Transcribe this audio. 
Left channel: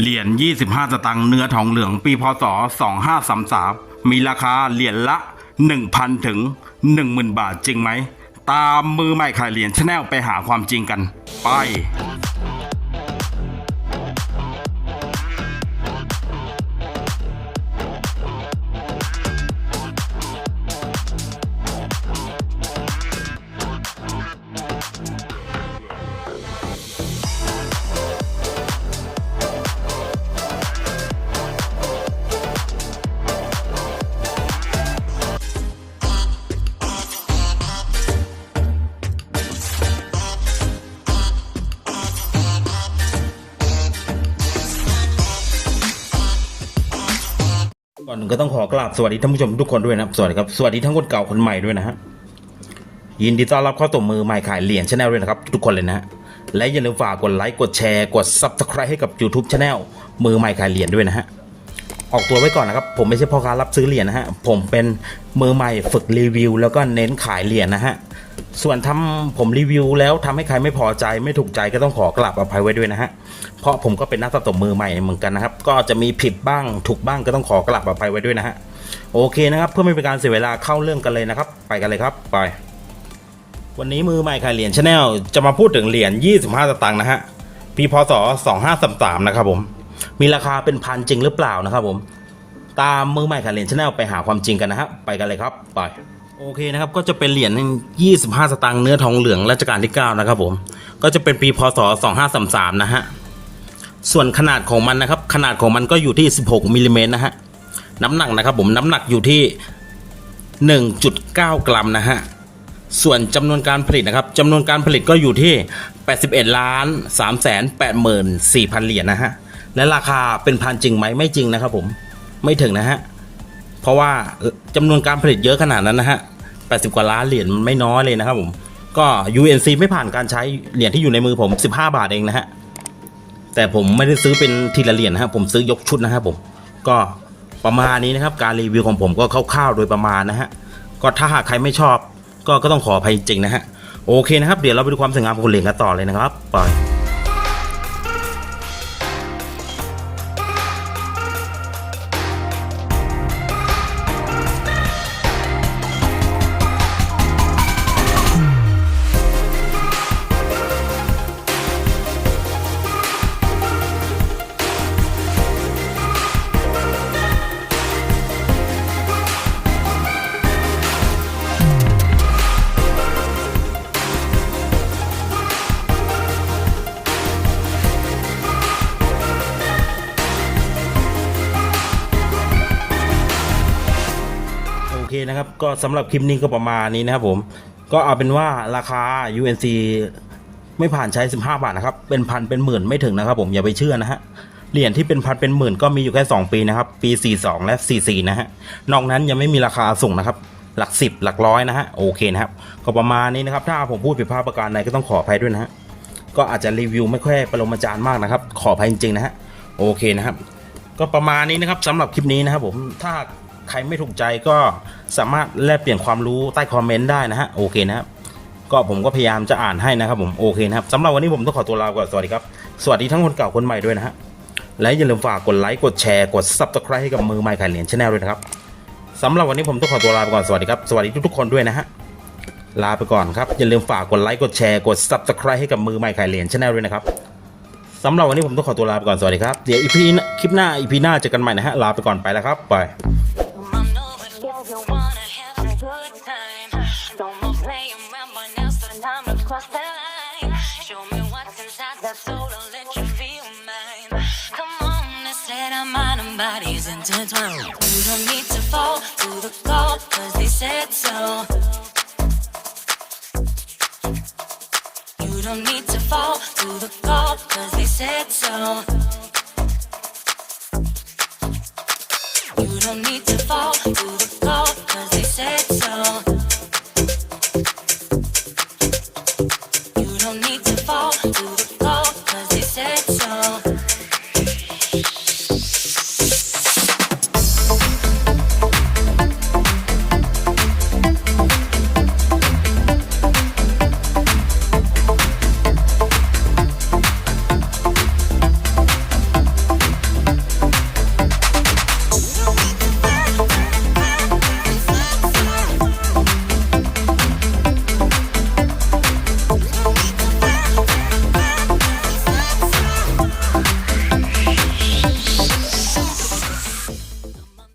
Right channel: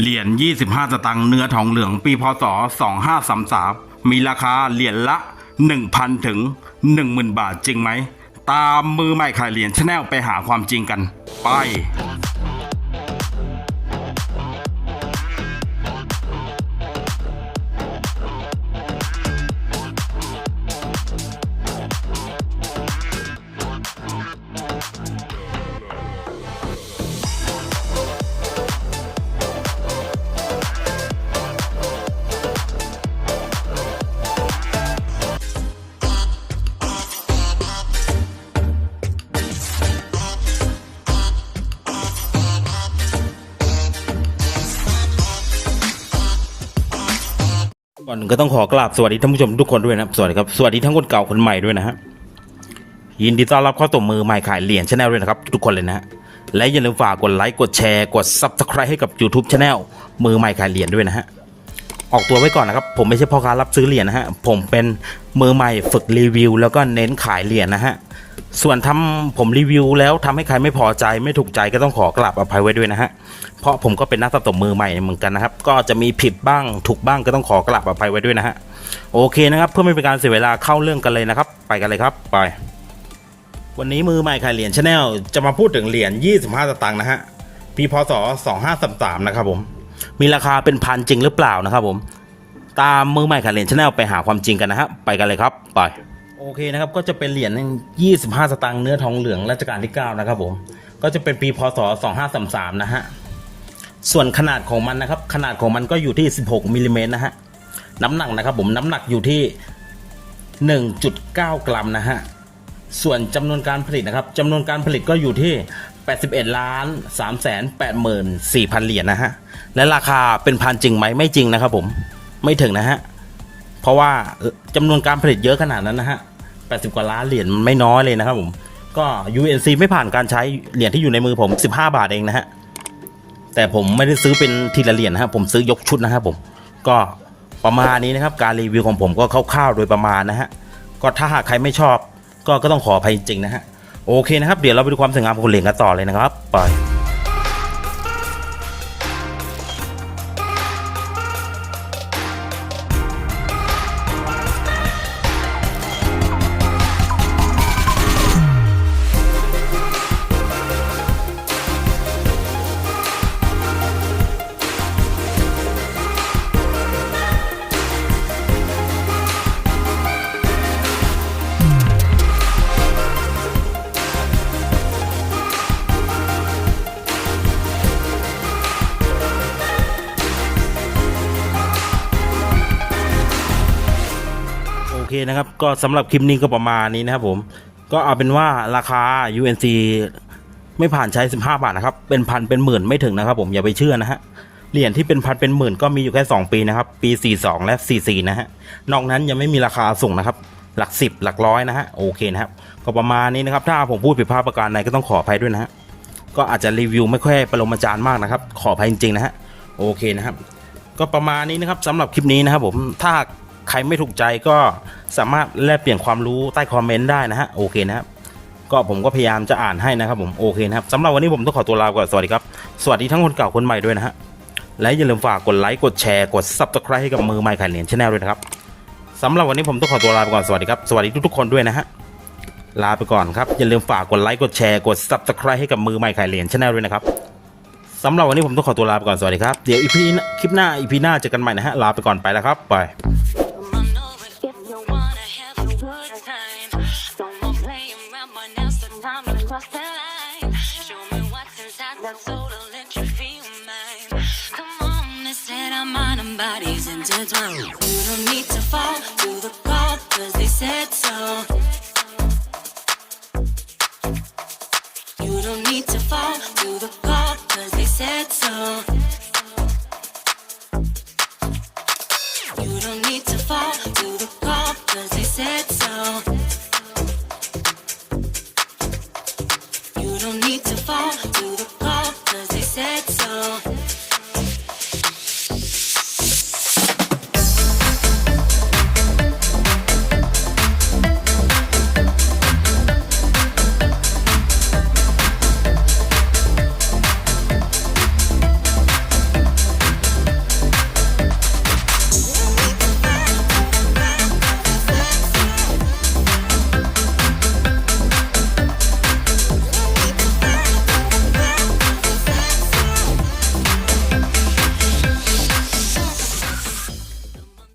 เหรียญ 25 สตางค์เนื้อทองเหลืองปีพศ 2533 มีราคาเหรียญละ 1,000 ถึง 10,000 บาทจริงไหม ตามมือใหม่ขายเหรียญชาแนลไปหาความจริงกัน ไป อื่นก็ต้องขอกราบสวัสดีท่านผู้ชมทุกคนด้วยนะสวัสดีครับสวัสดีทั้งคนเก่าคนใหม่ด้วยนะฮะยินดีต้อนรับเข้าตัวมือใหม่ขายเหรียญชาแนลด้วยนะครับ ทุกคนเลยนะฮะและอย่าลืมฝากกดไลค์กดแชร์กดซับสไครต์ให้กับ YouTube Channel มือใหม่ขายเหรียญด้วยนะฮะ ออกตัวไว้ก่อนนะครับ ผมไม่ใช่พ่อค้ารับซื้อเหรียญนะฮะ ผมเป็นมือใหม่ฝึกรีวิว แล้วก็เน้นขายเหรียญนะฮะ ส่วนทำผมรีวิว แล้วทำให้ใครไม่พอใจไม่ถูกใจก็ต้องขอกราบอภัยไว้ด้วยนะฮะ เพราะผมก็เป็นนักสะสมมือใหม่เหมือนกันนะครับ ก็จะมีผิดบ้างถูกบ้างก็ต้องขอกราบอภัยไว้ด้วยนะฮะ โอเคนะครับ เพื่อไม่เป็นการเสียเวลาเข้าเรื่องกันเลยนะครับ ไปกันเลยครับ ไป วันนี้มือใหม่ขายเหรียญชาแนลจะมาพูดถึงเหรียญ25สตางค์นะฮะปีพศ2533นะครับผม มีราคาเป็นพันจริงหรือเปล่านะครับผมตามมือใหม่ขาเหรียญชาแนลไปหาความจริงกันนะฮะไปกันเลยครับไปโอเคนะครับก็จะเป็นเหรียญ25 สตางค์เนื้อทองเหลืองรัชกาลที่ 9 นะครับผมก็จะเป็นปีพศ 2533 นะฮะส่วนขนาดของมันนะครับขนาดของมันก็อยู่ที่ 16มิลลิเมตรนะฮะน้ำหนักนะครับผมน้ำหนักอยู่ที่ 1.9 กรัมนะฮะส่วนจำนวนการผลิตนะครับจำนวนการผลิตก็อยู่ที่ 81 ล้าน3แสน8หมื่น4พันเหรียญนะฮะ และราคาเป็นพันจริงไหมไม่จริงนะครับผมไม่ถึงนะฮะเพราะว่าจำนวนการผลิตเยอะขนาดนั้นนะฮะ80 กว่าล้านเหรียญไม่น้อยเลยนะครับผมก็ UNC ไม่ผ่านการใช้เหรียญที่อยู่ในมือผม 15 บาทเองนะฮะแต่ผมไม่ได้ซื้อเป็นทีละเหรียญนะครับผมซื้อยกชุดนะครับผมก็ประมาณนี้นะครับการรีวิวของผมก็คร่าวๆโดยประมาณนะฮะก็ถ้าหากใครไม่ชอบ ก็ก็ต้องขออภัยจริงๆนะฮะโอเคนะครับ เดี๋ยวเราไปดูความสวยงามของเหรียญกันต่อเลยนะครับไป นะครับ ก็สำหรับคลิปนี้ก็ประมาณนี้นะครับผม ก็เอาเป็นว่าราคา UNC ไม่ผ่านใช้ 15 บาทนะครับ เป็นพันเป็นหมื่นไม่ถึงนะครับ ผมอย่าไปเชื่อนะฮะ เหรียญที่เป็นพันเป็นหมื่นก็มีอยู่แค่ 2 ปีนะครับ ปี 42 และ 44 นะฮะ นอกนั้นยังไม่มีราคาสูงนะครับ หลักสิบหลักร้อยนะฮะ โอเคนะครับ ก็ประมาณนี้นะครับ ถ้าผมพูดผิดพลาดประการใดก็ต้องขออภัยด้วยนะฮะ ก็อาจจะรีวิวไม่ค่อยประโลมอาจารย์มากนะครับ ขออภัยจริงๆนะฮะ โอเคนะครับ ก็ประมาณนี้นะครับสำหรับคลิปนี้นะครับผม ถ้าใครไม่ถูกใจก็ สามารถแลกเปลี่ยนความรู้ใต้คอมเมนต์ได้นะฮะโอเคนะครับก็ผมก็พยายามจะอ่านให้นะครับผมโอเคนะครับสำหรับวันนี้ผมต้องขอตัวลาไปก่อนสวัสดีครับ สวัสดีทั้งคนเก่าคนใหม่ด้วยนะฮะและอย่าลืมฝากกดไลค์กดแชร์กด subscribe ให้กับมือใหม่ขายเหรียญชาแนลด้วยนะครับสำหรับวันนี้ผมต้องขอตัวลาไปก่อนสวัสดีครับสวัสดีทุกๆคนด้วยนะฮะลาไปก่อนครับอย่าลืมฝากกดไลค์กดแชร์กด subscribe ให้กับมือใหม่ขายเหรียญชาแนลด้วยนะครับสำหรับวันนี้ผมต้องขอตัวลาไปก่อนสวัสดีครับเดี๋ยวอีพีคลิปหน้าอีพีหน้าเจอกันใหม่นะฮะลาไปก่อนไปแล้วครับไป now's the time to cross the line. Show me what's inside that soul to let you feel mine. Come on, let's set our mind and bodies intertwined. You don't need to fall to the call, cause they said so. You don't need to fall to the call, cause they said so. You don't need to fall to the